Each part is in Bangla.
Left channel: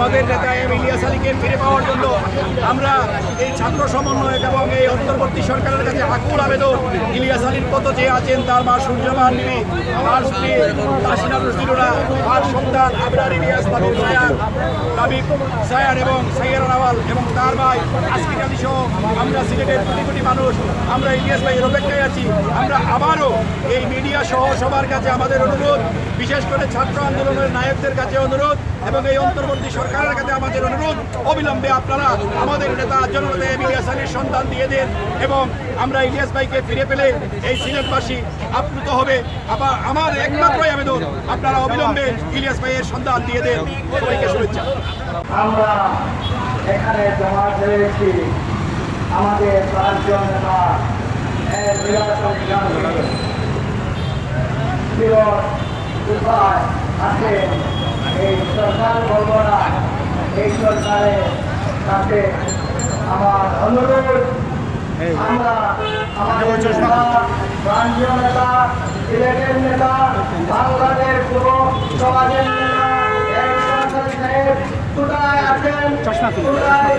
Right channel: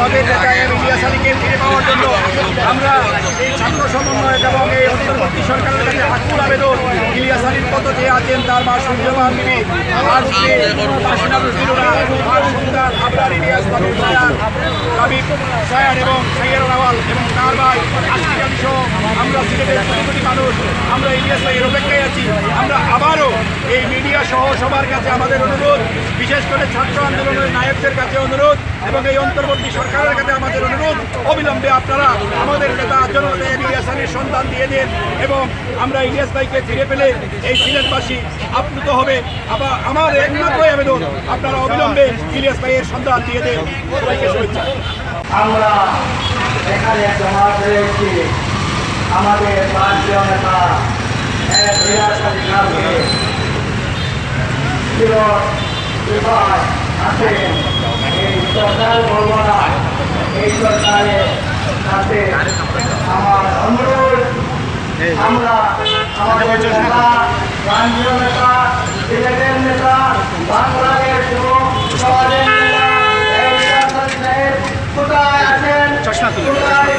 আমাদের নেতা এম ইলিয়াস আলীকে ফিরে পাওয়ার জন্য আমরা এই ছাত্র সমন্বয় এবং এই অন্তর্বর্তী সরকারের কাছে আকুল আবেদন। ইলিয়াস আলীর কত যে আছেন, তার মা সূর্যমান মিনি আর স্ত্রী কাশীনাথ ফিরোরা আর সন্তান আবরার ইলিয়াস তাদের সয়ান এবং সৈয়ার রাওয়াল এবং তার ভাই আশিক আমরা সিলেটের কোটি কোটি মানুষ, আমরা ইলিয়াস ভাইয়ের অপেক্ষায় আছি। আমরা আবারও এই মিডিয়া সহ সবার কাছে আমাদের অনুরোধ, বিশেষ করে ছাত্র আন্দোলনের নায়কদের কাছে অনুরোধ এবং এই অন্তর্বর্তী সরকারের কাছে আমাদের অনুরোধ। অবিলম্বে আপনারা আমাদের নেতা জনতা এম ইলিয়াস আলীর সন্ধান দিয়ে দেন এবং আমরা ইলিয়াস ভাইকে ফিরে পেলে এই সিলেটবাসী আপ্লুত হবে। আবার আমার একমাত্রই আবেদন, আপনারা অবিলম্বে ইলিয়াস ভাইয়ের সন্তান দিয়ে দেন। সবাইকে শুভেচ্ছা। আমরা এখানে জমা হয়েছি আমাদের পাঁচজন নেতা গ্রামে ছিল কোথায় আছেন এই সরকার বলব না এই সরকারের সাথে আমার অনুরোধ আমরা আমাদের নেতা রাজ্য নেতা সিলেটের নেতা বাংলাদেশ এবং সমাজের নেতা কোথায় আছেন? কোথায়?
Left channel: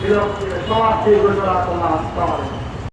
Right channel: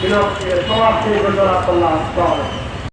বিরক্তি সমাপ্তি ঘোষণা করলাম